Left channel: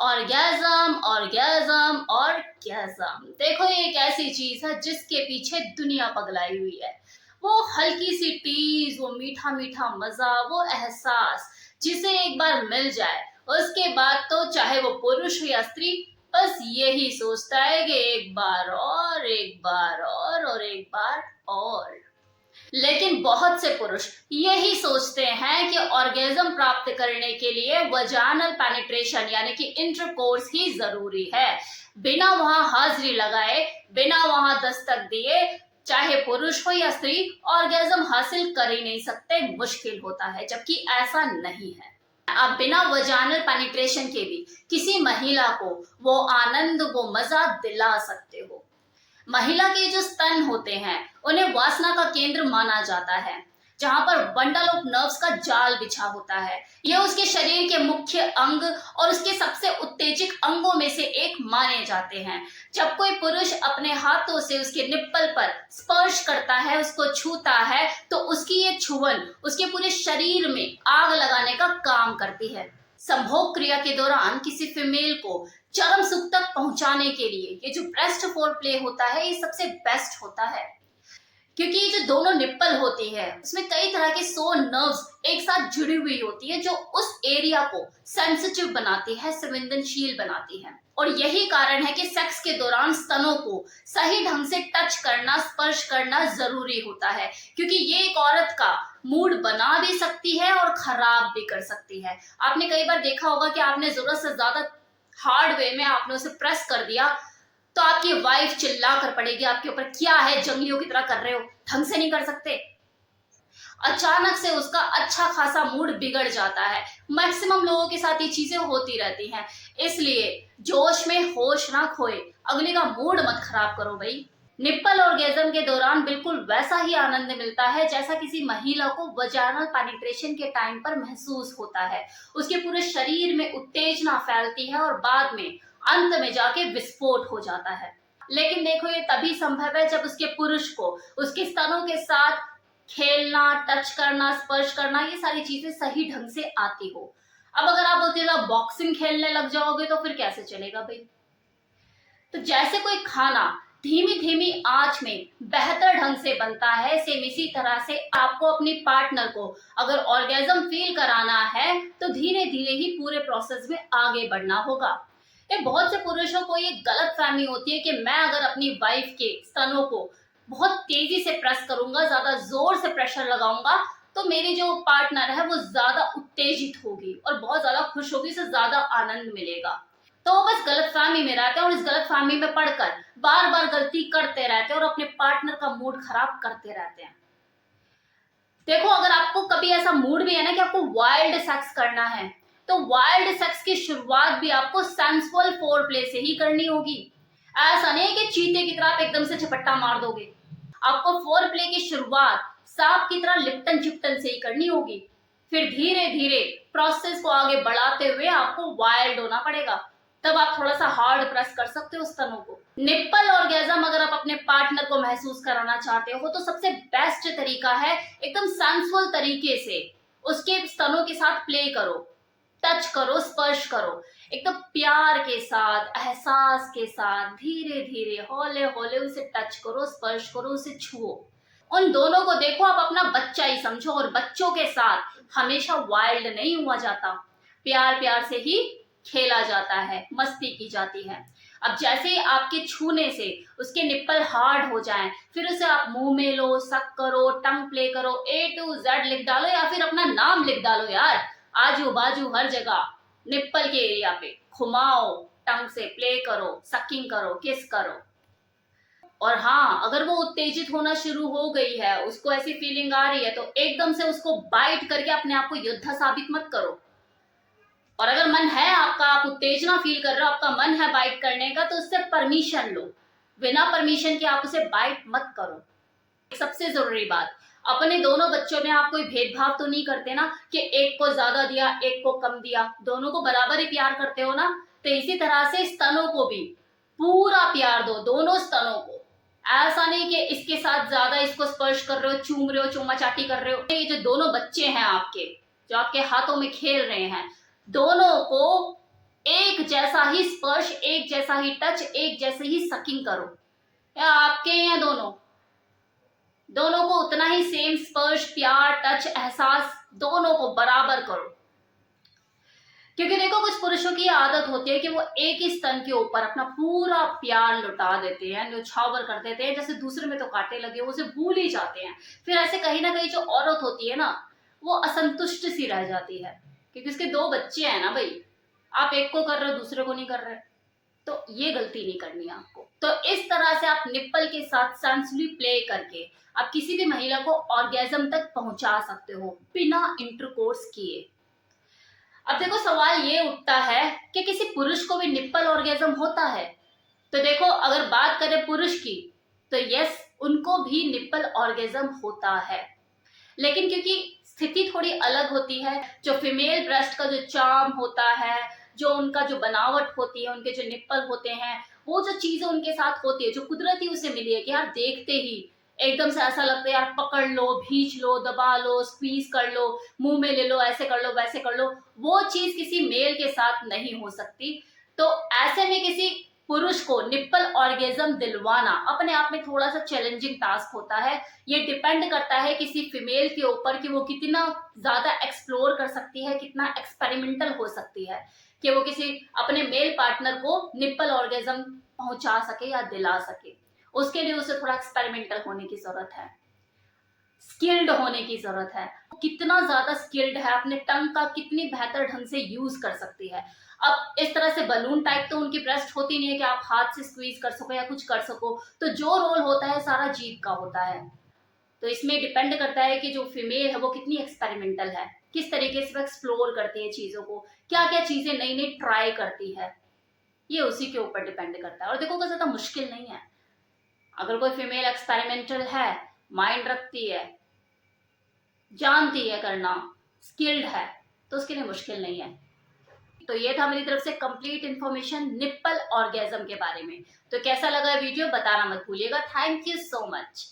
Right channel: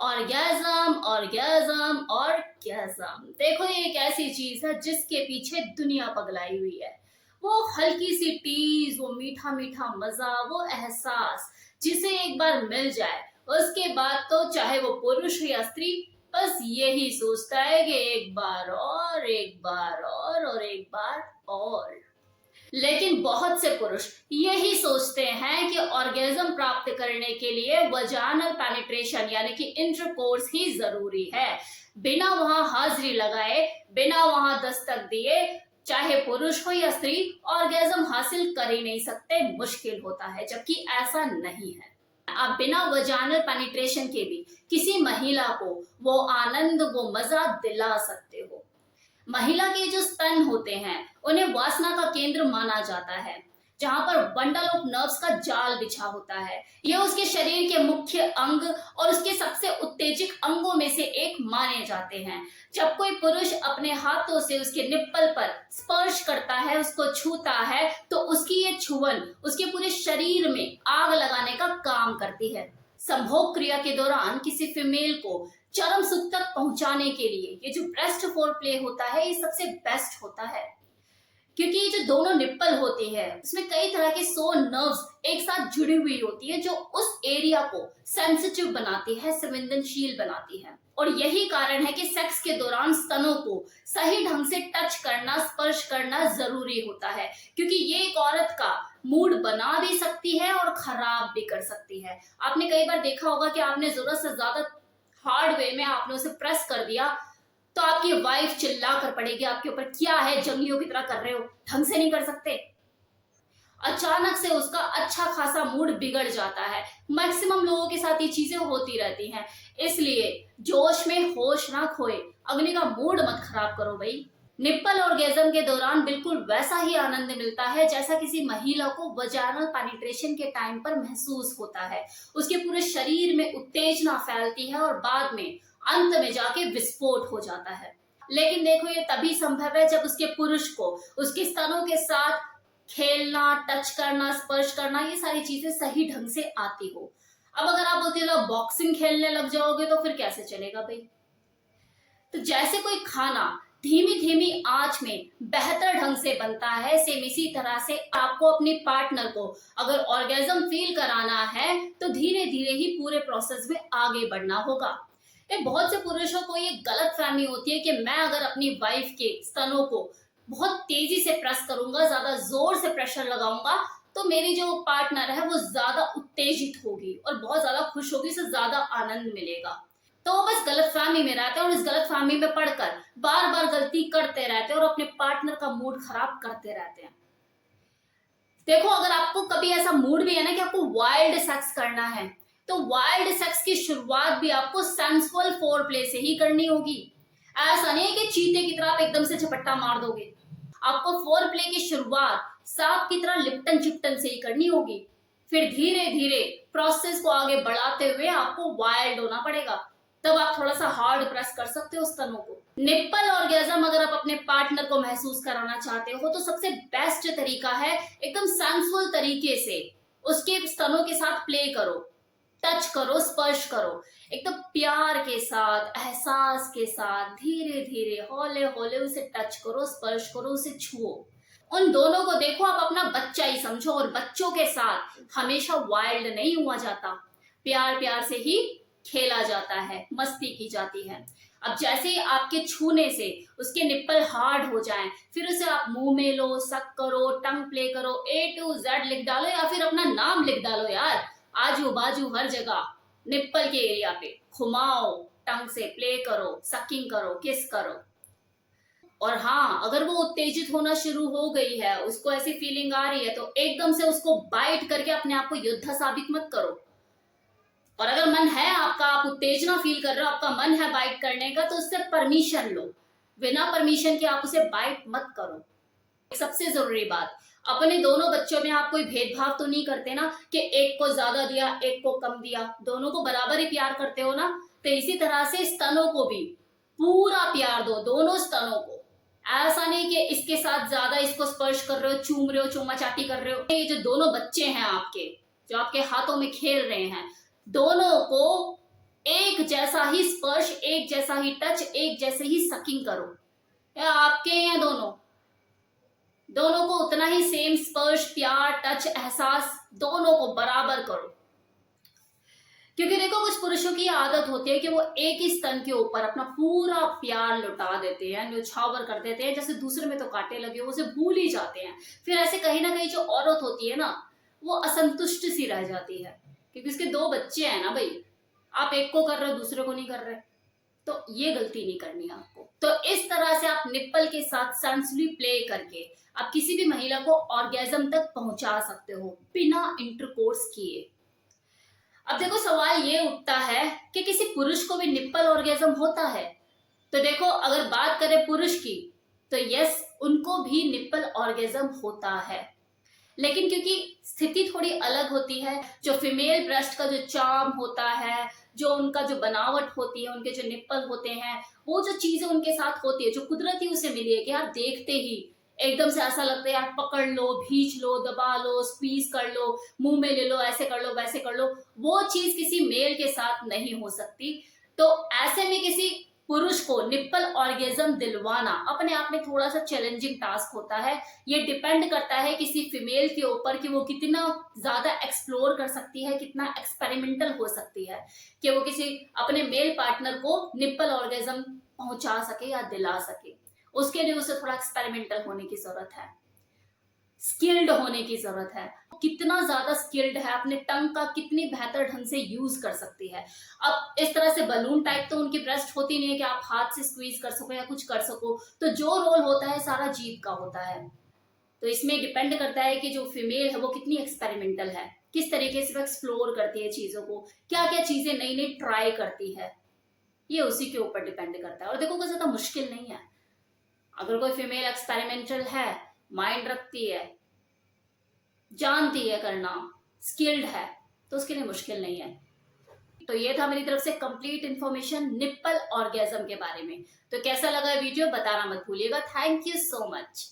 Orgasm orgasm orgasm देखो, ये एक ऐसी चीज है जिसके पीछे दुनिया पगलाई हुई है। वो हल्की सी टीज, वो मीठा मीठा मजा, वो एहसास जिसे एक बार मिल जाए उसके बाद तो चाहे वो पुरुष हो या स्त्री, बस यही सोचता है कि एक बार और एक बार और एक बार और। लेकिन बहुत से पुरुष यही सोचते हैं कि ऑर्गेज्म प्राप्त करने के लिए वजानल पेनिट्रेशन यानी कि इंटरकोर्स ही जरूरी है। बिना वहां हाजिरी लगाए, बिना वहां दस्तक दिए, चाहे पुरुष हो या स्त्री, ऑर्गेज्म हासिल कर ही नहीं सकते, मुश्किल होता है। जबकि ऐसा नहीं है। आप बिना वजानल पेनिट्रेशन के भी किसी महिला को वो आनंद, वो मजा दिला सकते हो। महिला के जो स्तन होते हैं उन्हें वासना का केंद्र माना जाता है, जहां पर बंडल ऑफ नर्व्स का जाल बिछा होता है। ये उसके शरीर के मुख्य अंग और उसके सबसे उत्तेजक अंगों में से एक माने जाते हैं। जब कोई पुरुष अपने हाथों से उसके निप्पल पर स्पर्श करता है, उसको छूता है, तो उसकी ये छुअन उसके पूरे शरीर में आग लगाने का काम करती है। संभोग क्रिया के दौरान किसी फीमेल को चरम सुख तक पहुंचाने के लिए ये जो ब्रेस्ट फोर प्ले होता है, ये सबसे बेस्ट होता है। क्योंकि ये जो दोनों निप्पल होती है उसमें कई तरह की सो नर्व्स एक साथ जुड़ी हुई होती है, जो उस एरिया को सेंसिटिव बनाती है, संवेदनशील बनाती है। और यही कारण है कि सेक्स के दौरान स्तनों को सही ढंग से टच करना, स्पर्श करना जरूरी होता है। क्योंकि ये एक औरत का मूड बना भी सकती है और खराब भी कर सकती है। आपने कई बार देखा होगा कि आपने जरूरत से ज्यादा हार्ड वे में आपने उसे प्रेस कर दिया, तो आपकी वाइफ चिल्ला कर पड़ेगी आपके ऊपर, क्या है जंगलियों की तरह कर रहे हो, ढंग से नहीं कर सकते। अचानक से उसका अच्छा खासा मूड बिगड़ जाता है। मैक्सिमम लोगों के साथ ये चीजें होती रहती हैं। इसलिए जोश में होश ना खोए, अगले का मूड मत खराब करो भाई। निप्पल ऑर्गेज्म के दौरान बिल्कुल वैसा ही आनंद मिलता है जैसा किसी महिला को वजाइनल पेनिट्रेशन के टाइम पर महसूस होता है। उसके पूरे शरीर में उत्तेजना फैलती है और बाद में अंत में जाके विस्फोट हो जाता है। लेकिन देखो, ये तभी संभव है जब उसके पुरुष को उसके स्तनों के साथ खेलना, टच करना, स्पर्श करना, ये सारी चीजें सही ढंग से आती हो। अब अगर आप बोलते हो बॉक्सिंग खेलने लग जाओगे तो फिर कैसे चलेगा भाई। तो जैसे कोई खाना धीमी धीमी आंच में बेहतर ढंग से बनता है, सेम इसी तरह से आपको अपनी पार्टनर को अगर ऑर्गेज्म फील कराना है तो धीरे धीरे ही पूरे प्रोसेस में आगे बढ़ना होगा। ये बहुत से पुरुषों को ये गलत फहमी होती है कि मैं अगर अपनी वाइफ के स्तनों को बहुत तेजी से प्रेस करूंगा, ज्यादा जोर से प्रेशर लगाऊंगा, तो मेरी जो पार्टनर है वो ज्यादा उत्तेजित होगी और बहुत ज्यादा खुश होगी, उसे ज्यादा आनंद मिलेगा। तो वो बस गलतफहमी में रहते हैं और इस गलतफहमी में पड़कर बार बार गलती करते रहते हैं और अपने पार्टनर का मूड खराब करते रहते हैं। देखो, अगर आपको कभी ऐसा मूड भी है ना कि आपको वाइल्ड सेक्स करना है, तो वाइल्ड सेक्स की शुरुआत भी आपको सेंसुअल फोर प्ले से ही करनी होगी। ऐसा नहीं है कि चीते की तरह आप एकदम से झपट्टा मार दोगे। आपको फोर प्ले की शुरुआत सांप की तरह लिपटन चिपटन से ही करनी होगी। फिर धीरे धीरे प्रोसेस को आगे बढ़ाते हुए आपको वाइल्ड होना पड़ेगा। तब आप थोड़ा सा हार्ड प्रेस कर सकते हो स्तनों को। निप्पल ऑर्गेज्म अगर आप अपने पार्टनर को महसूस कराना चाहते हो तो सबसे बेस्ट तरीका है एकदम सेंसुअल तरीके से उसके स्तनों के साथ प्ले करो, टच करो, स्पर्श करो, एकदम प्यार के साथ, एहसास के साथ, धीरे धीरे हौले हौले उसे टच करो, स्पर्श करो, उसे छुओ। उन दोनों को देखो आप अपना बच्चा ही समझो, और बच्चों के साथ हमेशा वाइल्ड नहीं हुआ जाता, प्यार प्यार से ही खेला जाता है, मस्ती की जाती है। अब जैसे ही आपके छूने से उसके निप्पल हार्ड हो जाएं, फिर उसे आप मुंह में लो, सक करो, टंग प्ले करो, A to Z लिख डालो या फिर अपना नाम लिख डालो यार। आजू बाजू हर जगह निप्पल के एरिया पे घुमाओ, टंग से प्ले करो, सकिंग करो, किस करो। और हाँ, अगर वो उत्तेजित होना शुरू हो गई है, उसको ऐसी फीलिंग आ रही है, तो एकदम से उसको बाइट करके अपने आप को योद्धा साबित मत करो। और अगर मन है आपका, आप उत्तेजना फील कर रहे हो, आपका मन है बाइट करने का, तो उससे परमिशन लो। बिना परमिशन के आप उसे बाइट मत करो। सबसे जरूरी बात, अपने दोनों बच्चों में आप कोई भेदभाव तो नहीं करते ना कि एक को ज्यादा दिया, एक को कम दिया, दोनों को बराबर ही प्यार करते हो ना। तो इसी तरह से स्तनों को भी पूरा प्यार दो, दोनों स्तनों को। ऐसा नहीं कि इसके साथ ज्यादा इसको स्पर्श कर रहे हो, चूम रहे हो, चूमा चाटी कर रहे हो। ये जो दोनों बच्चे हैं आपके, जो आपके हाथों में खेल रहे हैं, दोनों को एक जैसा ही स्पर्श, एक जैसा ही टच, एक जैसे ही सकिंग करो, या आपके या दोनों दोनों को उतना ही सेम स्पर्श, प्यार, टच, एहसास दोनों को बराबर करो। क्योंकि देखो कुछ पुरुषों की आदत होती है कि वो एक ही स्तन के ऊपर अपना पूरा प्यार लुटा देते हैं, न्यौछावर कर देते हैं, जैसे दूसरे में तो कांटे लगे, उसे भूल ही जाते हैं। फिर ऐसे कहीं ना कहीं जो औरत होती है ना, वो असंतुष्ट सी रह जाती है, क्योंकि उसके दो बच्चे हैं ना भाई, आप एक को कर रहे हो दूसरे को नहीं कर रहे। तो ये गलती नहीं करनी है आपको। तो इस तरह से आप निप्पल के साथ सेंसुअली प्ले करके आप किसी भी महिला को ऑर्गेजम तक पहुंचा सकते हो बिना इंटरकोर्स किए। अब देखो सवाल ये उठता है कि किसी पुरुष को भी निप्पल ऑर्गेजम होता है? तो देखो अगर बात करें पुरुष की, तो यस, उनको भी निप्पल ऑर्गेजम होता है, लेकिन क्योंकि स्थिति थोड़ी अलग होती है। जो फीमेल ब्रेस्ट का जो चार्म होता है, जो उनका जो बनावट होती है, उनके जो निप्पल होते हैं, वो जो चीजें उनके साथ होती है, जो कुदरती उसे मिली है कि यार देखते ही एकदम से ऐसा लगता है यार पकड़ लो, भींच लो, दबा लो, स्क्वीज कर लो, मुंह में ले लो, ऐसे कर लो, वैसे कर लो, वो चीज किसी मेल के साथ नहीं हो सकती। तो ऐसे में किसी पुरुष को निप्पल ऑर्गेजम दिलवाना अपने आप में थोड़ा सा चैलेंजिंग टास्क होता है। ये डिपेंड करता है किसी फीमेल के ऊपर कि वो कितना ज्यादा एक्सप्लोर कर सकती है, कितना एक्सपेरिमेंटल हो सकती है कि वो किसी अपने मेल पार्टनर को निप्पल ऑर्गेजम पहुंचा सके या दिला सके। उसके लिए उसे थोड़ा एक्सपेरिमेंटल होने की जरूरत है, स्किल्ड होने की जरूरत है। कितना ज्यादा स्किल्ड है, अपने टंग का कितनी बेहतर ढंग से यूज कर सकती है। अब इस तरह से बलून टाइप तो उनकी ब्रेस्ट होती नहीं है कि आप हाथ से स्क्वीज कर सको या कुछ कर सको, तो जो रोल होता है सारा जीभ का होता है। तो इसमें डिपेंड करता है कि जो फीमेल है वो कितनी एक्सपेरिमेंटल है, किस तरीके से वो एक्सप्लोर करती है चीजों को, क्या क्या चीजें नई नई ट्राई करती है, ये उसी के ऊपर डिपेंड करता है। और देखो कोई ज्यादा मुश्किल नहीं है। अगर कोई फीमेल एक्सपेरिमेंटल है, माइंड रखती है, जानती है करना, स्किल्ड है, तो उसके लिए मुश्किल नहीं है। तो ये था मेरी तरफ से कंप्लीट इन्फॉर्मेशन निप्पल ऑर्गेजम के बारे में। तो कैसा लगा वीडियो बताना मत भूलिएगा। Thank you so much.